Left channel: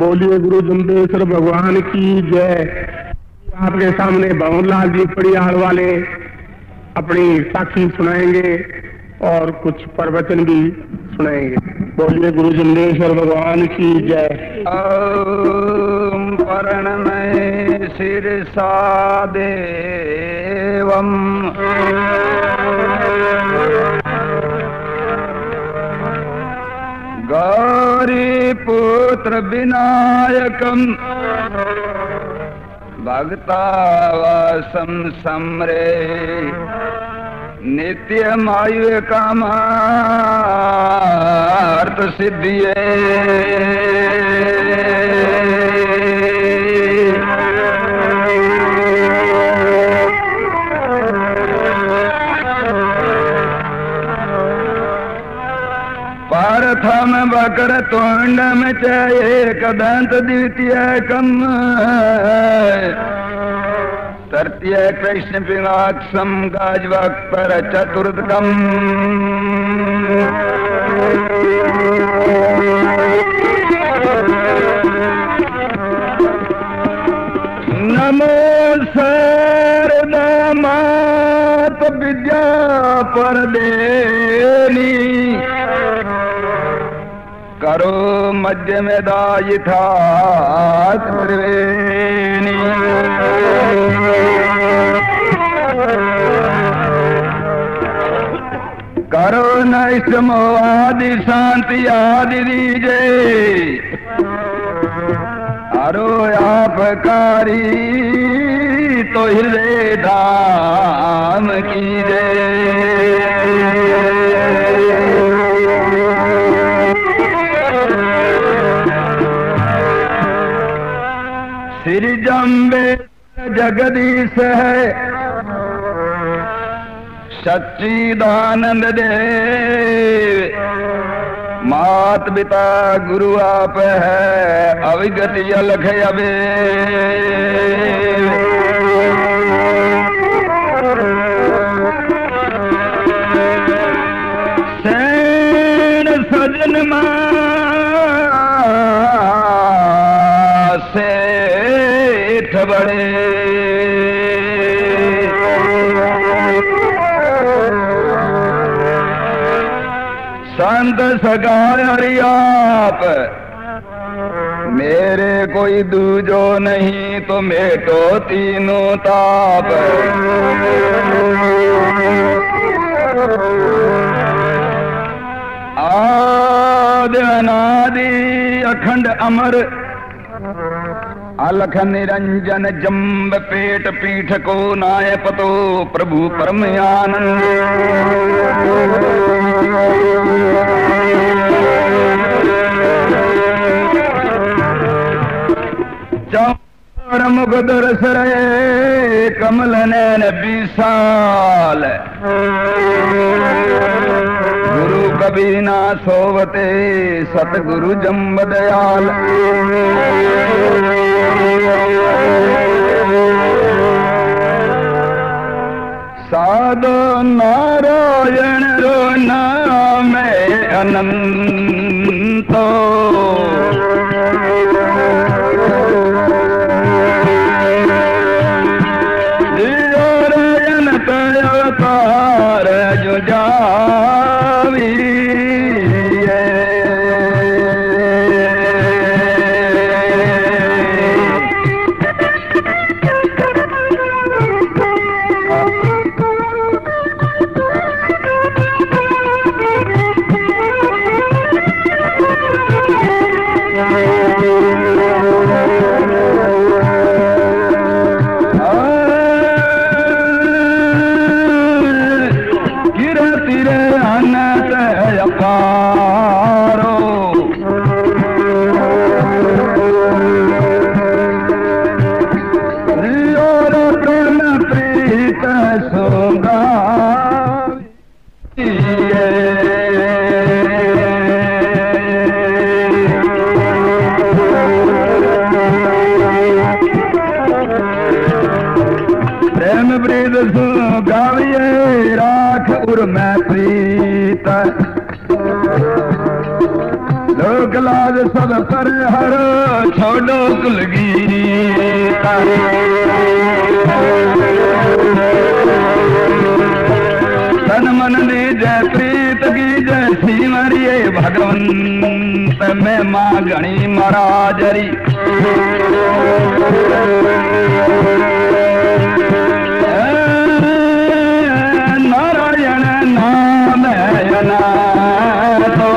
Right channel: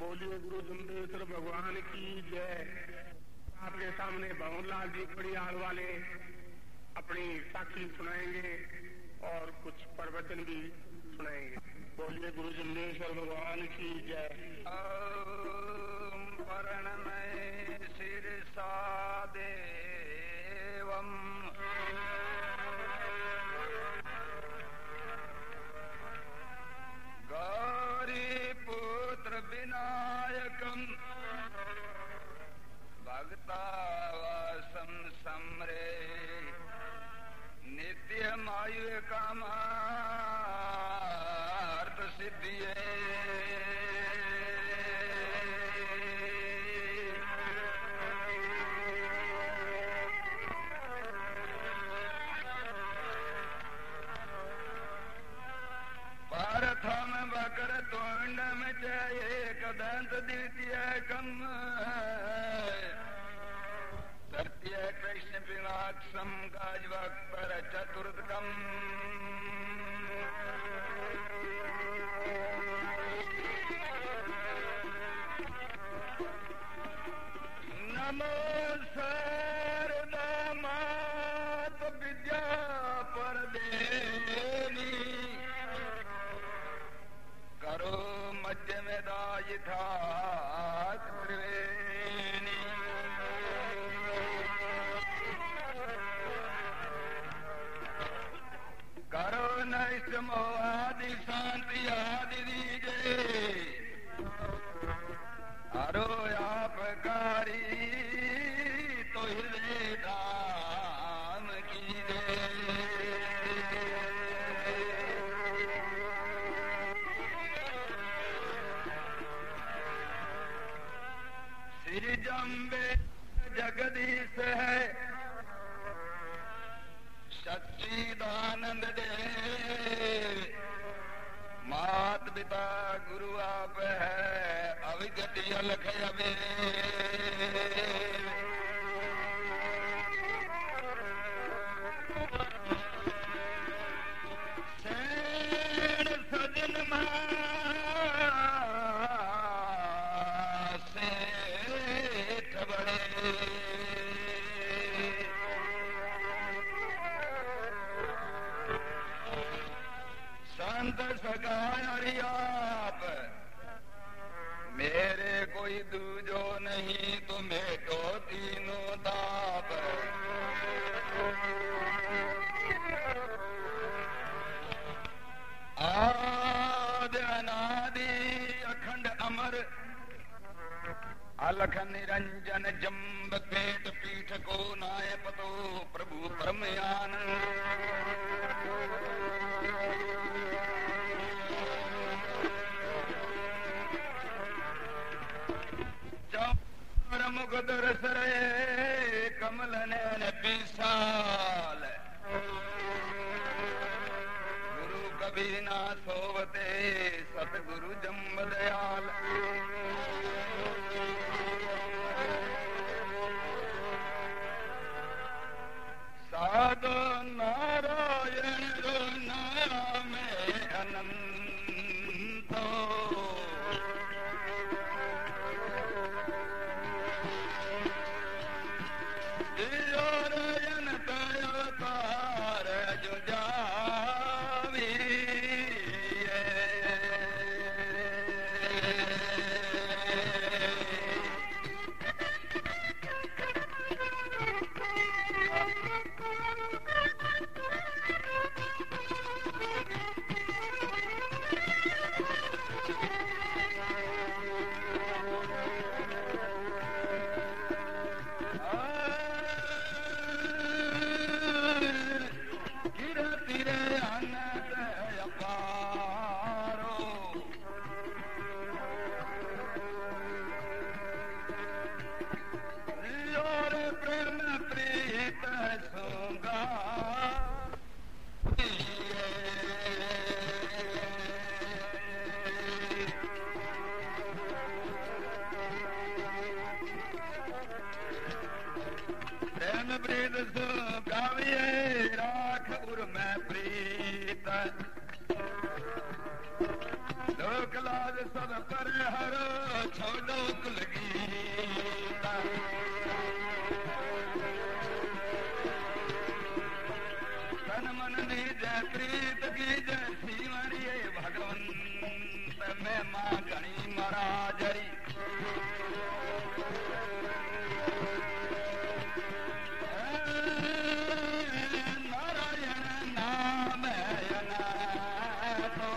बोलिए गुरु जम्बेश्वर भगवान की जय। आपके सामने भंवरलाल जी पड़ियाल वाले अपनी साखी सुनाएंगे और कुछ प्रवचन भी सुनाएंगे। बोलिए गुरु जम्बेश्वर भगवान की जय। ओम प्रणमय शिरसा देवम गौरी पुत्र विनायकम भक्तावासम समरे नित्यमायु कामार्थ सिद्धिये। प्रथम वक्र तुंडम च एकदंत द्वितीयकम तृतीय कृष्ण पिनाक्षम गजवक्त्र चतुर्थकम। नमो शारदा मात विद्या परदेनी करो मध्य में दायिथा त्रिवेणी। करो नैष्टमो आदि शांति आदि दीजे अरो आपकारी तो हृदय धाम की जय। श्री जम्बेश्वर जगदीश है सच्चिदानंद देव मात पिता गुरु आप है अविगति अलख अबे। सैन सजन से बड़े संत सगाय हरियाप मेरे कोई दूजो नहीं तो मेटो तीनों ताप। आदि अनादि अखंड अमर अलख निरंजन जम्ब पेट पीठ को नाय पतो प्रभु परम आनंद। चौर मुख दरस रहे कमल नैन विशाल गुरु कभी ना सोवते सतगुरु जम्ब दयाल। साधो नारायण रो नाम अनंतो नारायण अवतार जो जावी गाविए राख उर मैं प्रीत लोक राज सब पर हर छोड़ो कुलगीता तन मन ने जय प्रीत की जय श्री मरिये भगवंत में माँ गणी महाराजरी नारायण नाम तो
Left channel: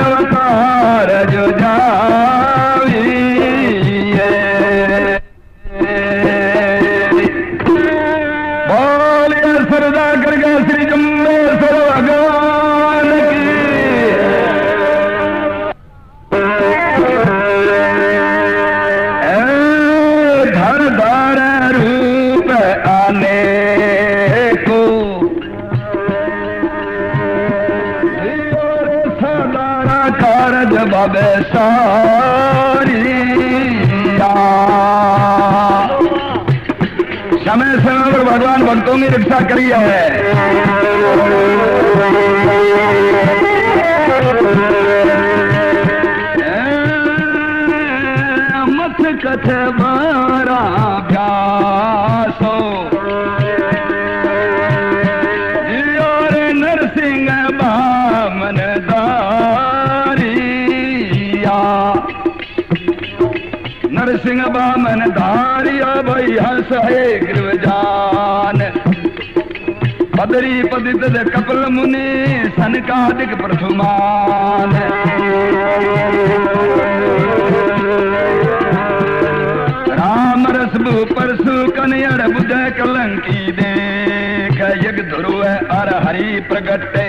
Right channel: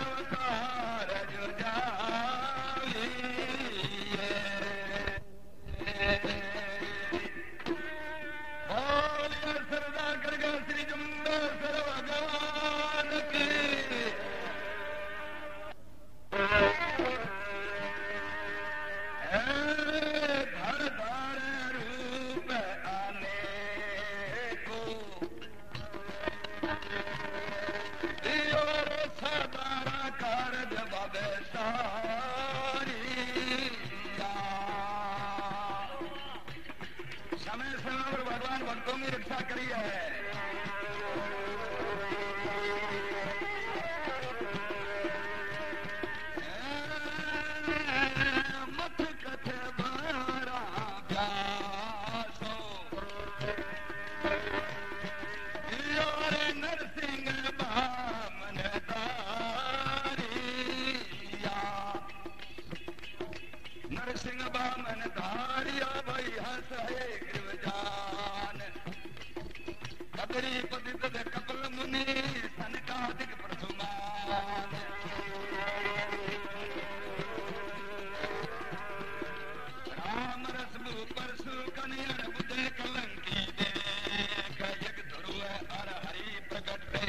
अवतार जो जावी बोलिए सरदा करके श्री जम्बेश्वर भगवान की धर धर रूप आने को सदारा कारज बाबे सारिया समय समय पर भगवान भक्तों की रक्षा करी है। मत कथ बारा भ्यासो और नरसिंह बामन दारिया नरसिंह बामन धारिया भई हस है गिरवजान पदरी पदित कपिल मुनि सनकादिक प्रथुमान राम रसबु परसु कन्हड़ बुध कलंकी देख यज्ञ ध्रुव अर हरि प्रगटे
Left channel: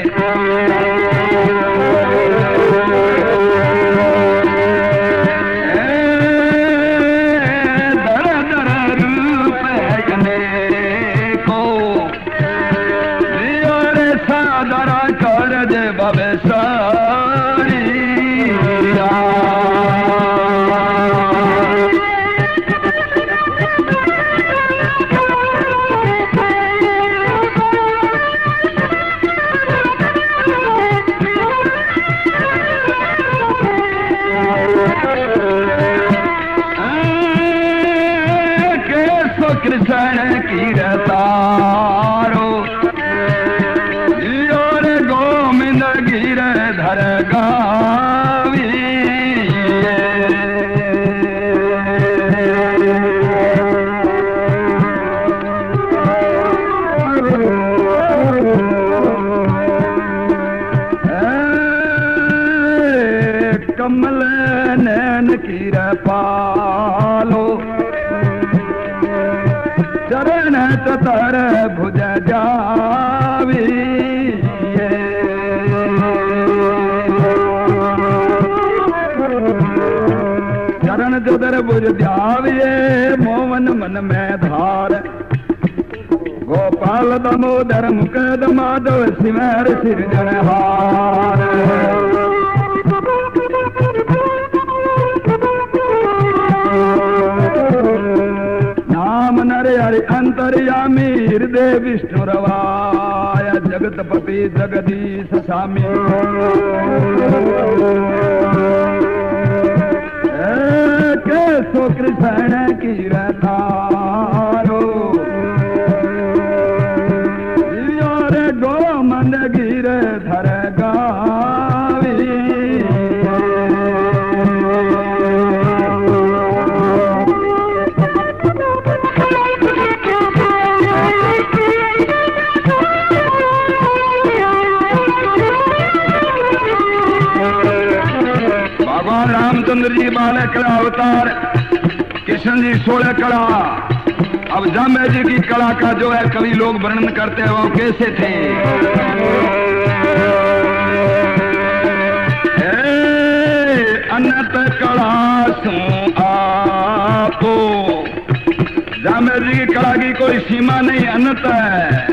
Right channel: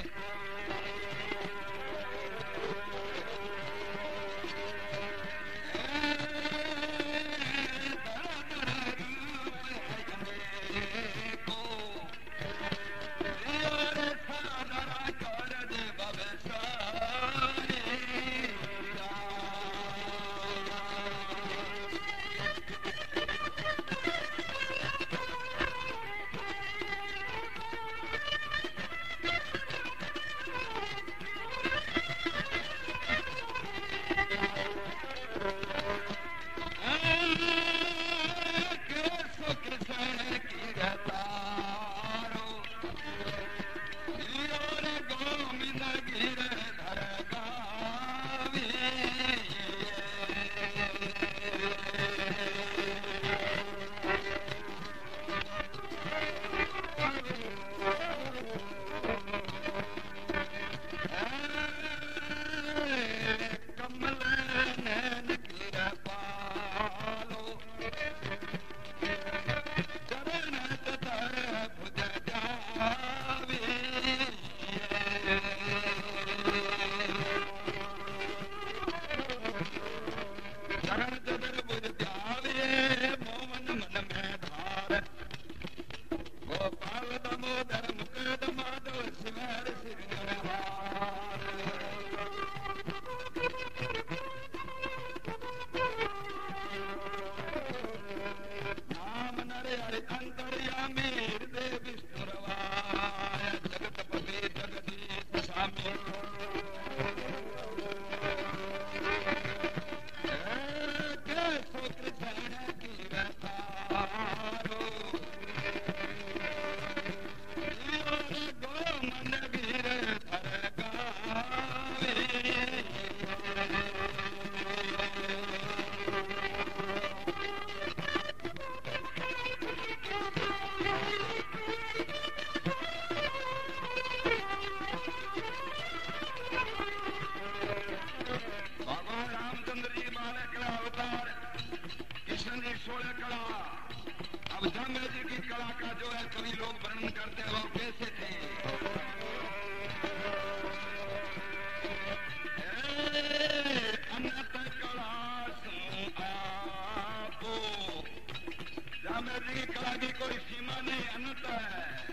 कृष्ण की रतारो और गोविंद गिर धर गावी कमल नैन की पालो चरण चतर भुज जावी चरण चतर भुज जाविये मोहन मन में धार गोपाल दामोदर मुकद माधव सिमर सिरजनहार हरि अंतर्यामी हृदय विष्णु रवाय जगतपति जगदीश स्वामी केशव कृष्ण की रतारो और गोमन गिर धर गावी रामचंद्र जी 12 कला अवतार, कृष्ण जी 16 कला। अब जाम्बे जी की कला का जो है कवि लोग वर्णन करते हैं वो कैसे थे। अनंत कला सो आपो, जाम्बे जी की कला की कोई सीमा नहीं, अनंत है।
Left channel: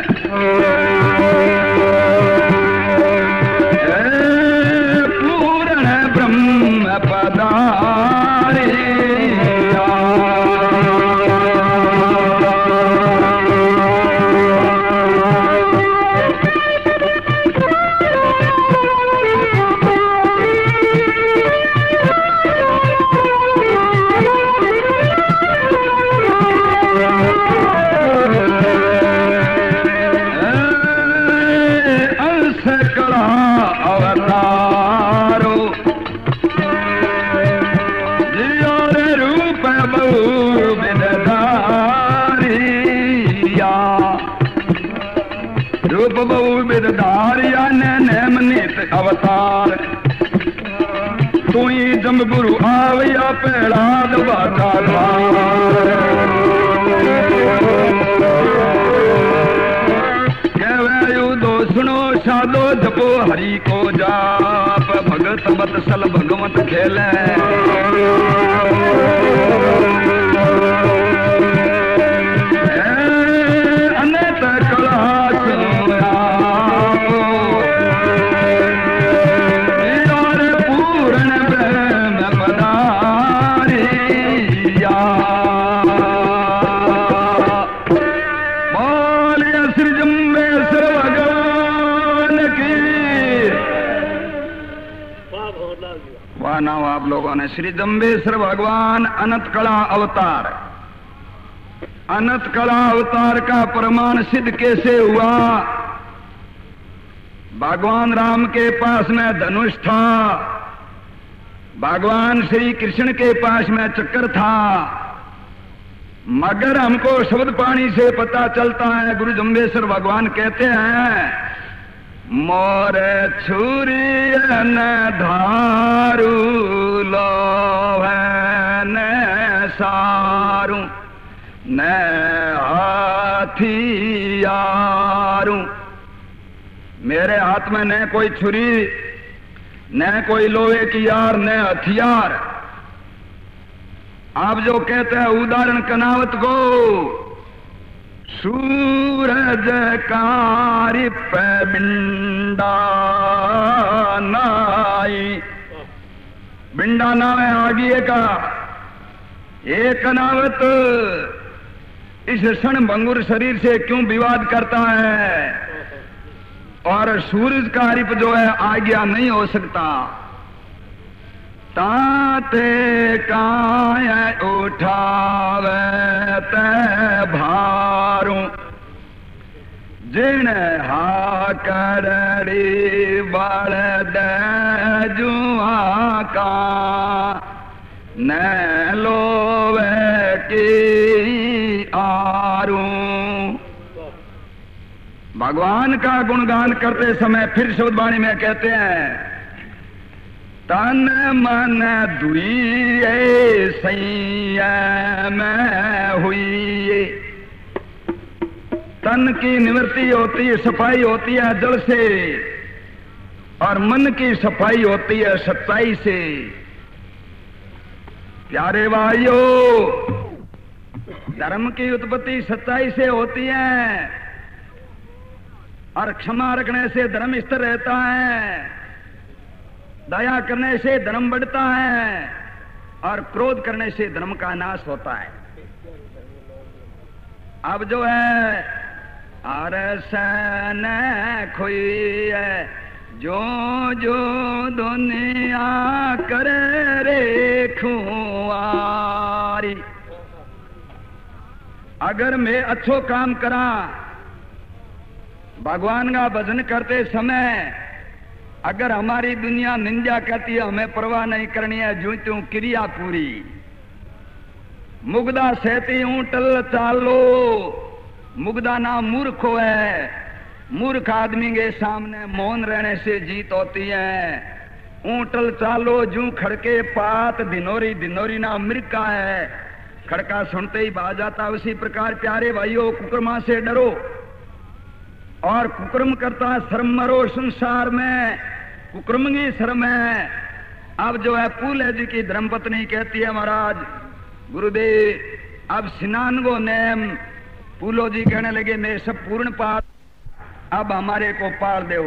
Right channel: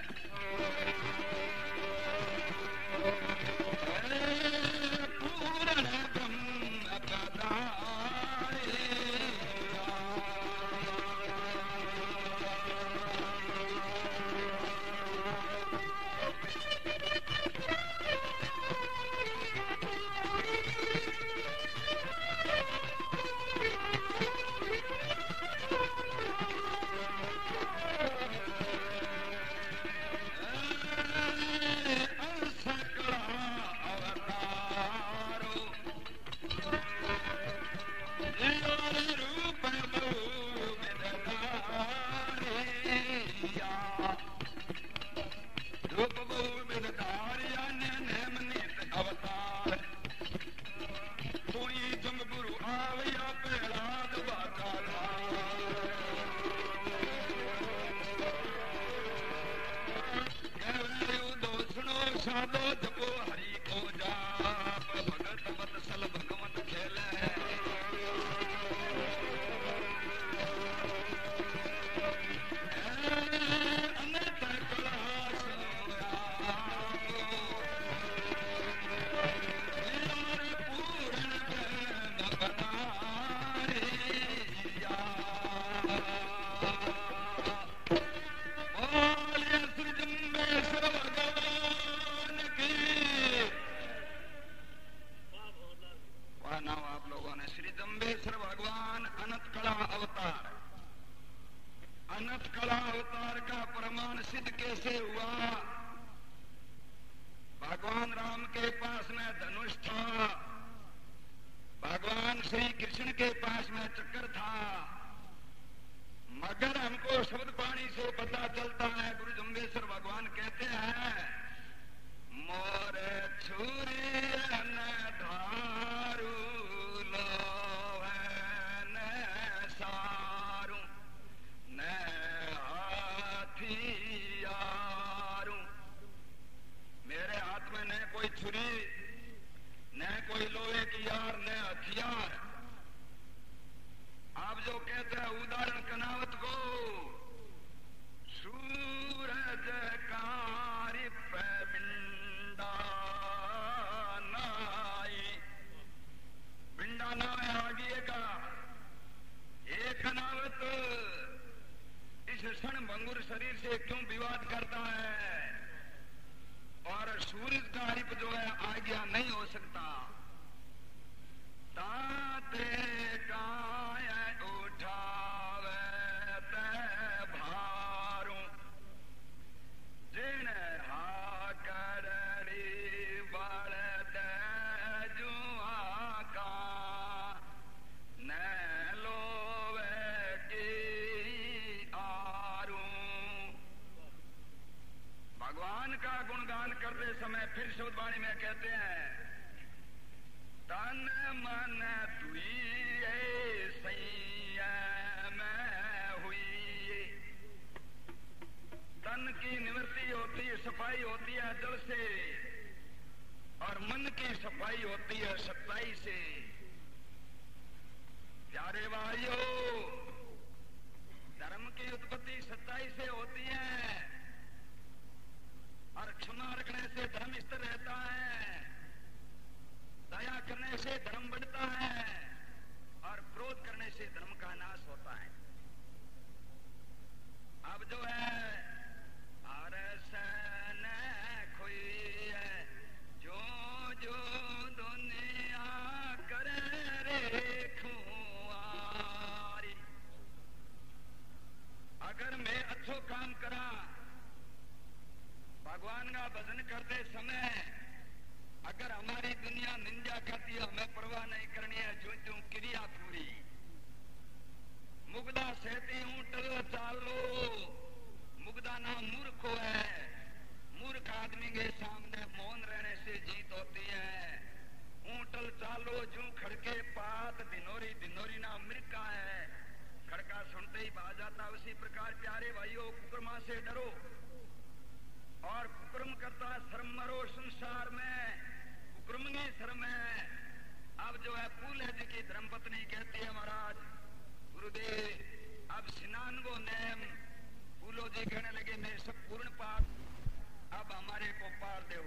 बहु बिदधारिया रूप बहु बिदधारिया नेम नित अवतार तू ही जम गुरु आविया पेड़ा दबाता सुनो साधो जपो हरि को जाप भगत मत सल भगवत खेले अनंत कला और पूर्ण ब्रह्म पधारिया बोलिए श्री जम्बेश्वर नाम आप लोगों ने। श्री जम्बेश्वर भगवान अनंत कला अवतार। अनंत कला अवतार का प्रमाण सिद्ध कैसे हुआ? भगवान राम के पास में धनुष था, भगवान श्री कृष्ण के पास में चक्र था, मगर हमको शब्द पाणी से पता चलता है। गुरु जम्बेश्वर भगवान कहते हैं मोर छुरी न धारू लोहन सारू न हाथियारू। मेरे हाथ में न कोई छुरी, न कोई लोहे की यार, न हथियार। आप जो कहते हैं उदाहरण कनावत को सूरज कारी पे बिंडा नाई, बिंडा नाम है आगे का एक कनावत इस क्षण भंगुर शरीर से क्यों विवाद करता है? और सूरज का रिप जो है आज्ञा नहीं हो सकता। ताते काय उठावे ते भारू जिन हा करड़ी बड़ दे जुआ का न लोवे की आरू। भगवान का गुणगान करते समय फिर शब्दवाणी में कहते हैं तन मन दुई संयम हुई। तन की निवृत्ति होती है, सफाई होती है जल से, और मन की सफाई होती है सच्चाई से। प्यारे भाइयों, धर्म की उत्पत्ति सच्चाई से होती है, और क्षमा रखने से धर्म स्थिर रहता है, दया करने से धर्म बढ़ता है, और क्रोध करने से धर्म का नाश होता है। अब जो है अरसन खोई है जो जो दुनिया करे रे खुआरी। अगर मैं अच्छो काम करा, भगवान का भजन करते समय अगर हमारी दुनिया निंदा करती है, हमें परवाह नहीं करनी है, जो त्यों क्रिया पूरी। मुग्धा सहती हूं टल चालो, मुग्धा ना मूर्ख है, मूर्ख आदमी के सामने मौन रहने से जीत होती है। ऊंटल चालो जू खड़के पात, धिनोरी धिनोरी ना अमरीका है, खड़का सुनते ही भाग जाता। उसी प्रकार प्यारे भाइयों, कुकर्मा से डरो, और कुकर्म करता शर्म मरो। संसार में कुकर्म की शर्म है। अब जो है पूले जी की धर्मपत्नी कहती है महाराज गुरुदेव अब स्नान को नेम। पूलो जी कहने लगे मैं सब पूर्ण पार, अब हमारे को पार दो।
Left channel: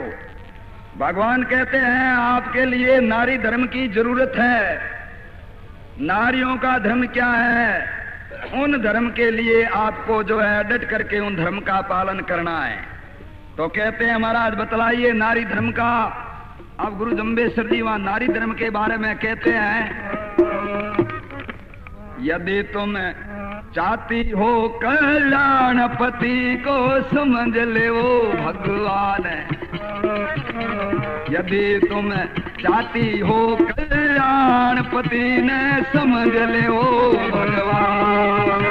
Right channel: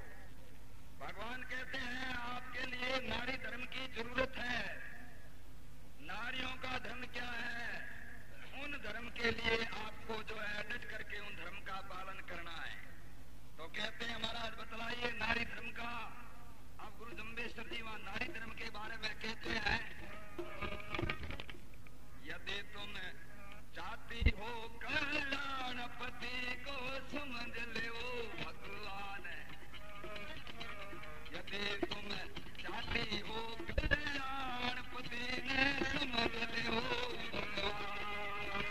भगवान कहते हैं आपके लिए नारी धर्म की जरूरत है। नारियों का धर्म क्या है? उन धर्म के लिए आपको जो है डट करके उन धर्म का पालन करना है। तो कहते हैं महाराज बतलाइए नारी धर्म का। अब गुरु जम्बेश्वर जी वहां नारी धर्म के बारे में कहते हैं यदि तुम चाहती हो कल्याणपति को समझ ले वो भगवान है। यदि तुम चाहती हो कल्याण जान पति ने समझ ले ओ भगवान।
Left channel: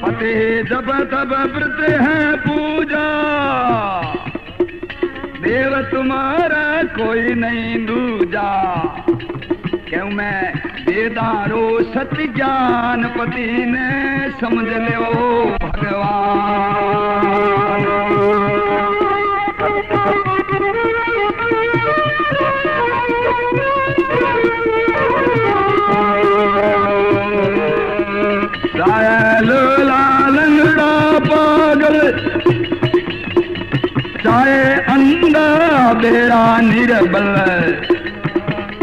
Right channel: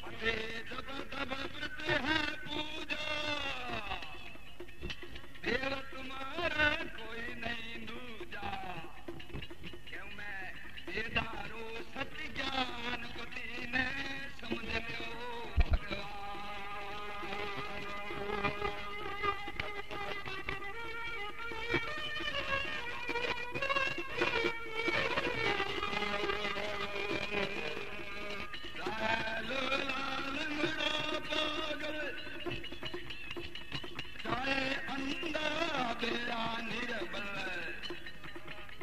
पति जब तब व्रत है पूजा, देव तुम्हारा कोई नहीं दूजा। क्यों मैं वेदारो सत्य ज्ञान पति ने समझ ले ओ भगवान। चाहे लोला लंगड़ा पागल, चाहे अंधा बेरा निर्बल,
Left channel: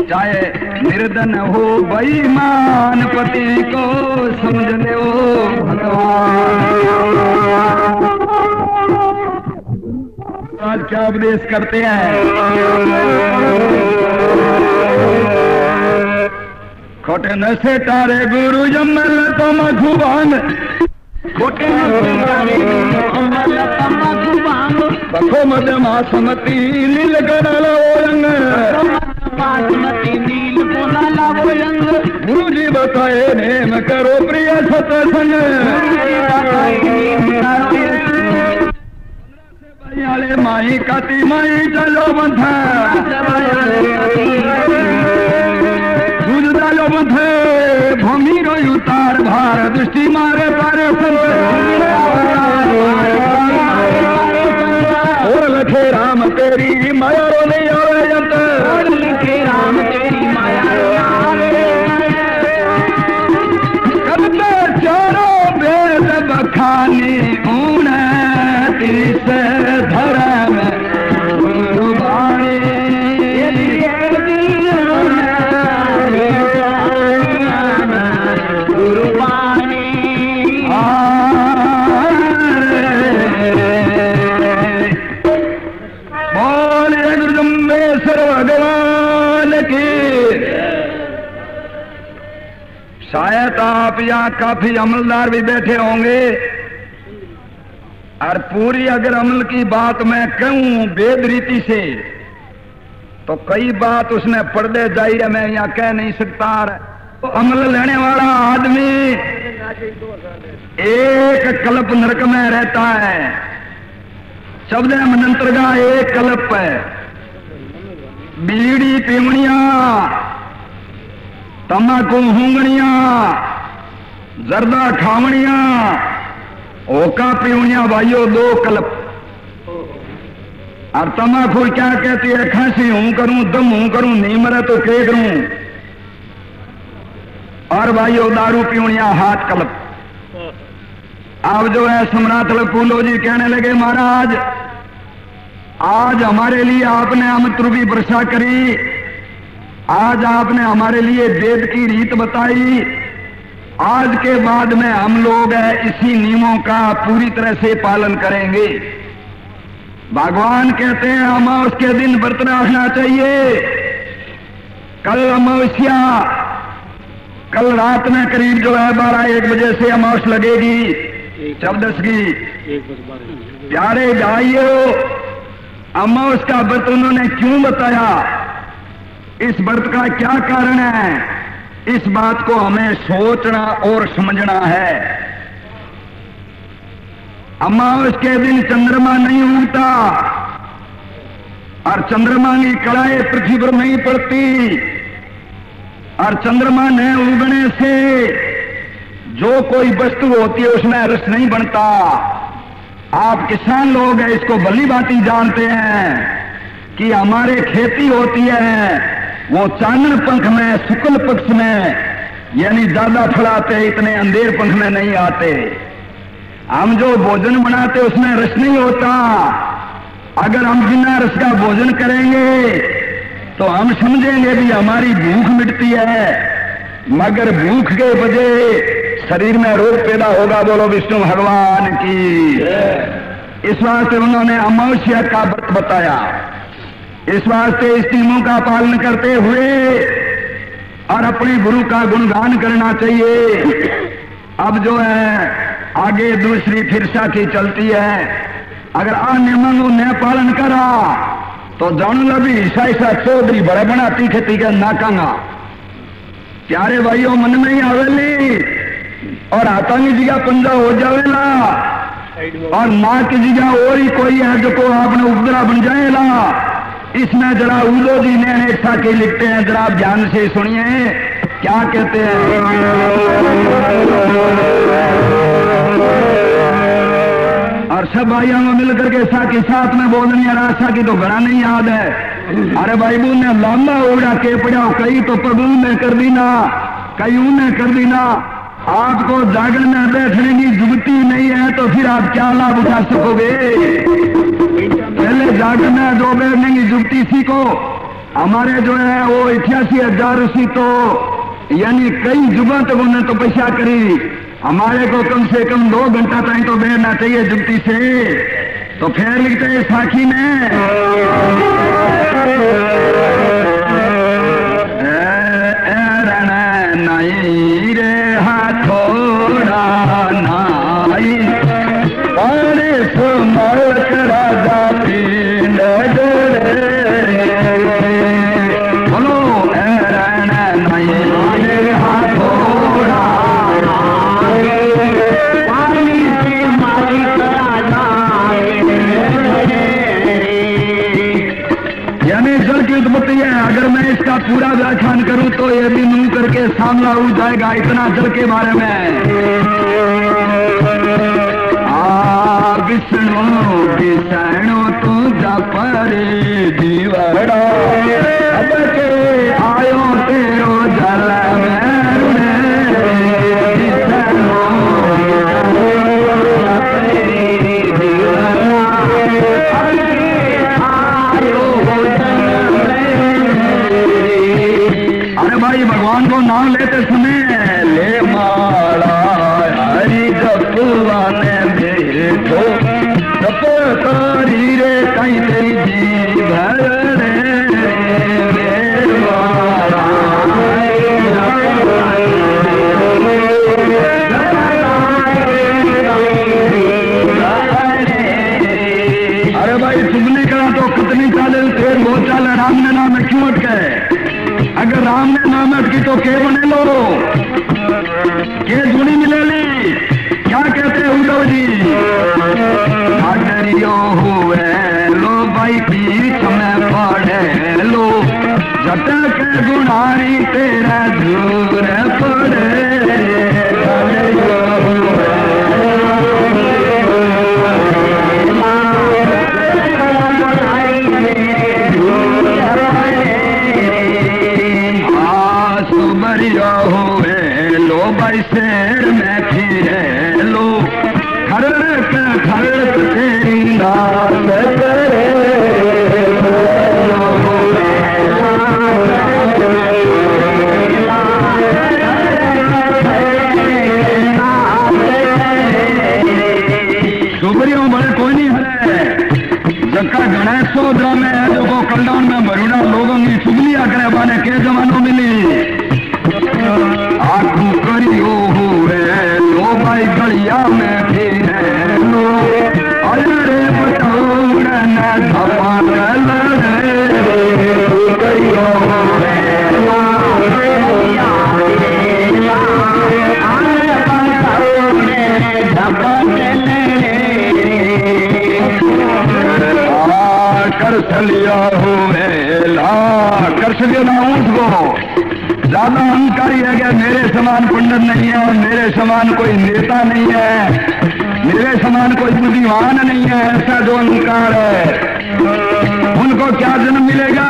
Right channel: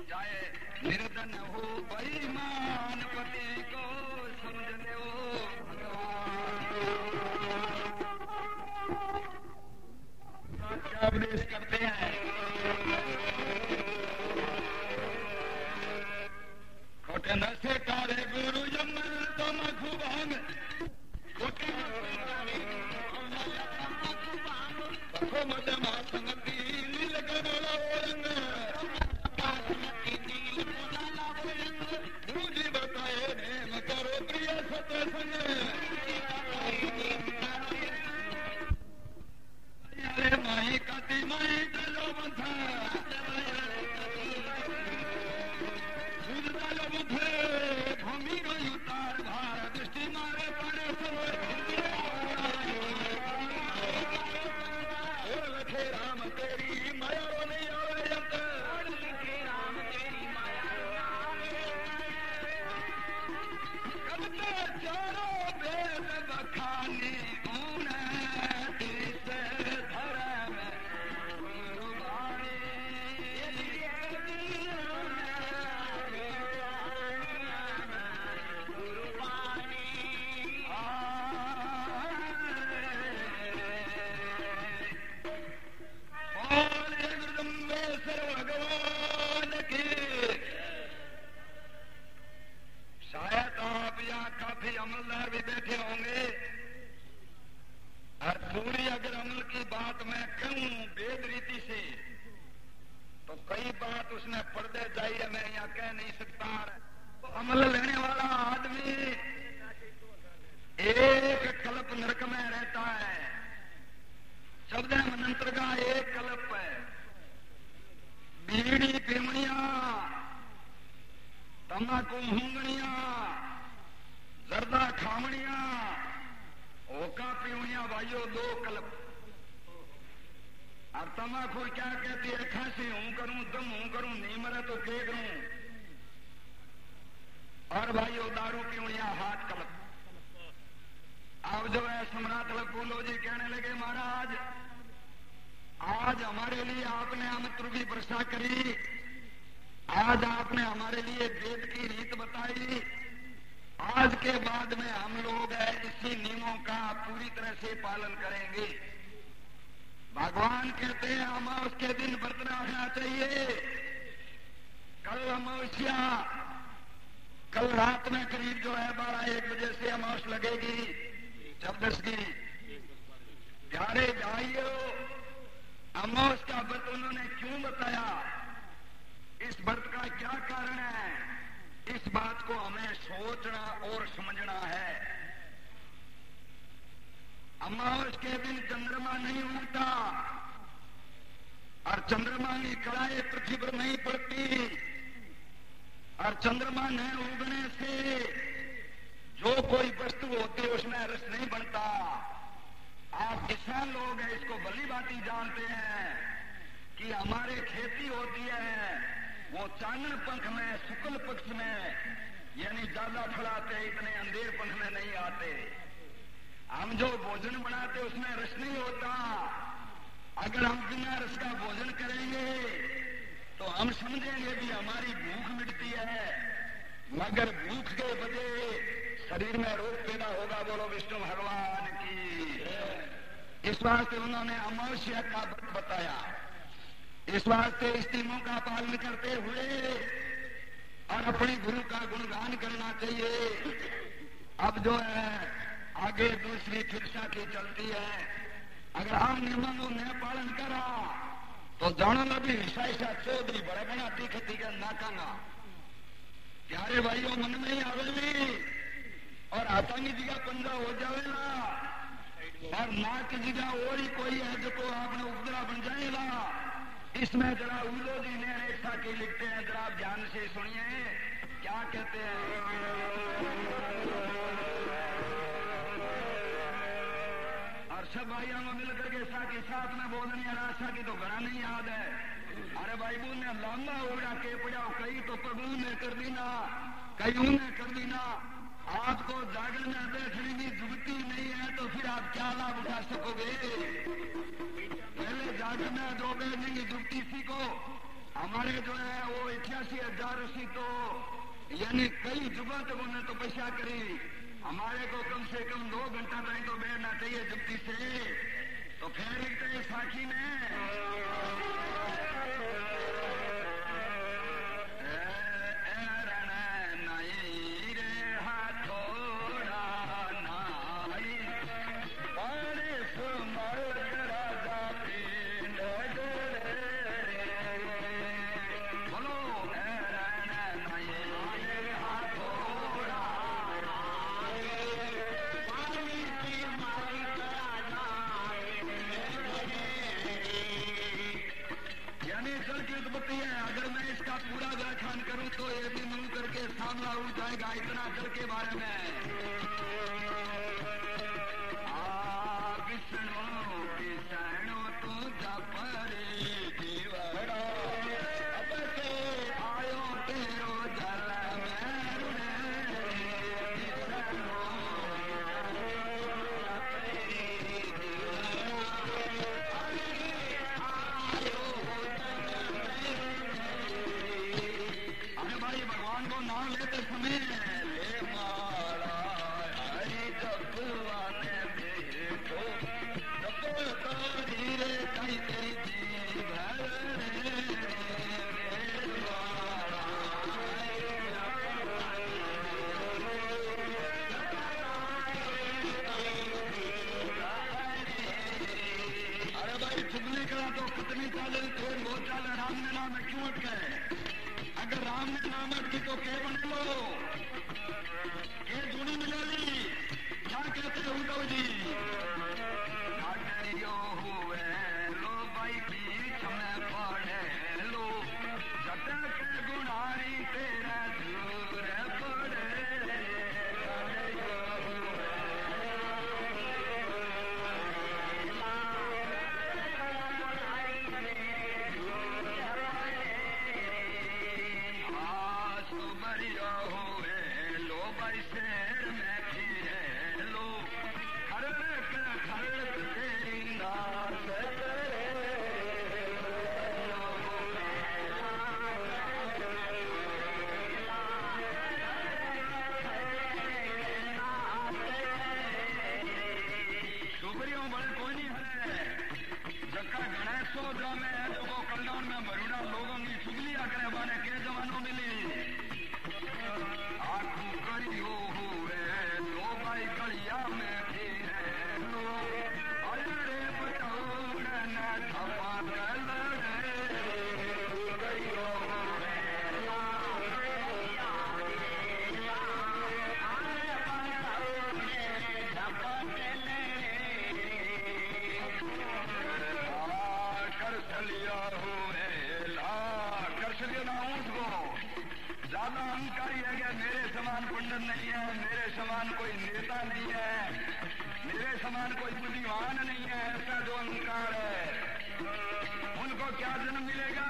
चाहे निर्धन हो बेईमान पति को समझ ले ओ भगवान। आज क्या उपदेश करते हैं? खोटे नशे तारे गुरु जमल तो मधुबान, खोटे नशे तारे बखो मद मासमती नील गणल ओरंग, गुरु जी बताए नेम करो प्रिय सत्संग। भाई माई काती माई चलो बंधा, दूध डालो बंधे भूमि रो उतार भार, दृष्टि मारे तारे और लखे राम तेरी माया रो नहीं आवे जंत, लखे राम तेरी माया करते चारों वेद बखानी ऊन तीस धर्म गुरुबाणी। शायद आप यहाँ काफी अमलदार भी बैठे होंगे, और पूरी अगर अमल की बात मैं कहूं वेद रीति से तो कई बात उसने पर्दे जाहिर है मैं यहाँ कह नहीं सकता। तो अमल लेने वाला आदमी एक कल्प नरक में रहता है, शब्द मनंत्र का एक कल्प है। बीड़ी पीवणिया, तम्बाकू हूंगणिया, जर्दा खावणिया, ओका पीवणिया भाइयों दो कल्प। और तम्बाकू क्या कहती है? खांसी हूं करूं, दम हूं करूं, नहीं मरे तो क्या करूं। और भाइयों दारू पीवणिया हाथ कल्प। अब जो है सम्राट लपूलो जी कहने लगे महाराज आज हमारे लिए आपने अमृत रूपी वर्षा करी, आज आपने हमारे लिए वेद की रीत बताई, आज के बाद में हम लोग इसी नियमों का पूरी तरह से पालन करेंगे। भगवान कहते हैं अमावस के दिन व्रत रखना चाहिए। कल अमावस्या, कल रात में करीब जो है 12-1 बजे से अमावस लगेगी, 14 की। प्यारे भाइयों, अमावस का व्रत उन्होंने क्यों बताया, इस व्रत का क्या कारण है, इस बात को हमें सोचना और समझना है। अमावस के दिन चंद्रमा नहीं उगता और चंद्रमा की कड़ाई पृथ्वी पर नहीं पड़ती, और चंद्रमा न उगने से जो कोई वस्तु होती है उसमें रस नहीं बनता। आप किसान लोग हैं, इसको भली भांति जानते हैं कि हमारे खेती होती है वो चांदन पंख में, शुक्ल पक्ष में, यानी ज्यादा फल आते, इतने अंधेर पंख में नहीं आते। हम जो भोजन बनाते उसमें रस नहीं होता। अगर हम बिना रस का भोजन करेंगे तो हम समझेंगे भी हमारी भूख मिटती है, मगर भूख के वजह शरीर में रोग पैदा होगा। बोलो विष्णु भगवान की। इस वास्ते उन्होंने अमावस्या का व्रत बताया। इस वास्ते इस नियमों का पालन करते हुए और अपने गुरु का गुणगान करना चाहिए। अब जो है आगे दूसरी फिर साथी चलती है, अगर आ नियमों न पालन करा तो जान लो भी ऐसा चौधरी बड़े बनाती खेती के नाकांगा। प्यारे भाइयों, मन में ही आवेली और हाथा की जगह पंजा हो जावेला और माँ की जगह और ही कोई है जो को आपने उपद्रा बन जाएगा। इसमें जरा उदो जी ने एक साथी लिखते हैं, जरा आप ध्यान से सुनिए क्या कहते हैं। और सब भाइयों को मिलकर के साथी साथ में बोलनी है, रास्ता की तो घड़ा नहीं याद है। अरे भाई बू ने लंबा उड़ा के पड़ा, कई तो प्रभु ने कर दी ना, कई ने कर दी ना। आपको जागरण में बैठने की जुगती नहीं है तो फिर आप क्या लाभ उठा सकोगे। पहले जागरण में जो बैठने की जुगती सीखो। हमारे जो है वो 88,000 ऋषि तो यानी कई जुगों तक उन्होंने तपस्या करी। हमारे को कम से कम 2 घंटा तक तो बैठना चाहिए जुगती से। तो फिर लिखते हैं साखी में, नहीं रे हाथोड़ा नाई अरे सुमल राजा पीन बोलो नहीं रे हाथोड़ा यानी जल की उत्पत्ति है। अगर मैं इसका पूरा व्याख्यान करूं तो ये भी मुंह करके सामना हो जाएगा इतना जल के बारे में। विष्णु विष्णु तू जपरे जीवड़ा अब के आयो तेरो जल भगवान को नाम लेते सुने ले माला हरि जपुआ ने देखो जपकारी रे कहीं तेरी जी भर अरे भाई तुमने कहा तो कितनी चाले तेर वो चाल राम ने नाम में क्यों अटके। अगर राम ने नाम अटकी तो के बने लो के धुनी मिलेली। क्या कहते हैं उद्धव जी, अगरियो हुए लो भाई बीच में पड़े लो झटक गुनारी तेरा झूर पड़े। शेर में फिरे लो खड़क खड़क तेरी नाम करे। सुबरियों बड़े कोई नहीं है जबका गणेश सोदरा में है जो को कल्याण में मरुड़ा लोगों की चुगलियां करे बाने के जमानों मिली। आखू करियो हुए लो भाई गलिया में फिरे लो अरे बटौड़ न धपक लड़े करियो कर चलिया हुए ला कर चलियो ना उसको ज्यादा अहंकारी है क्या। मेरे समान पंडित नहीं है, मेरे समान कोई नेता नहीं है, मेरे समान कोई बुद्धिमान नहीं है, ऐसा जो अहंकार है उनको क्या जन्म मिलेगा।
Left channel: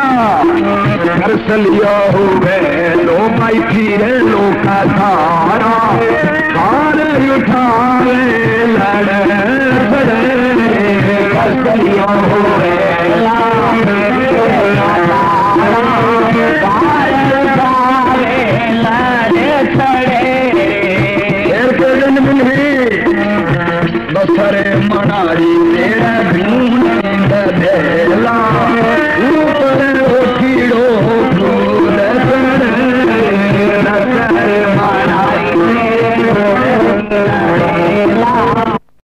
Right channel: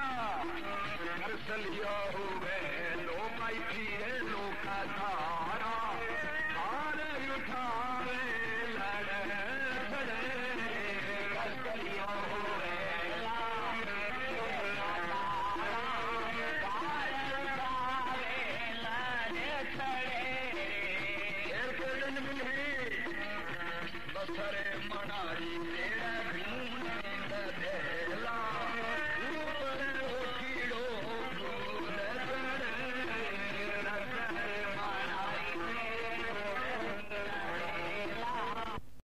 घर से लिया हुए लो भाई फिरे लो का धारा सारे उठावे लड़े घर से लिया हुए बसरे मनारी तेरा ढूंढ दे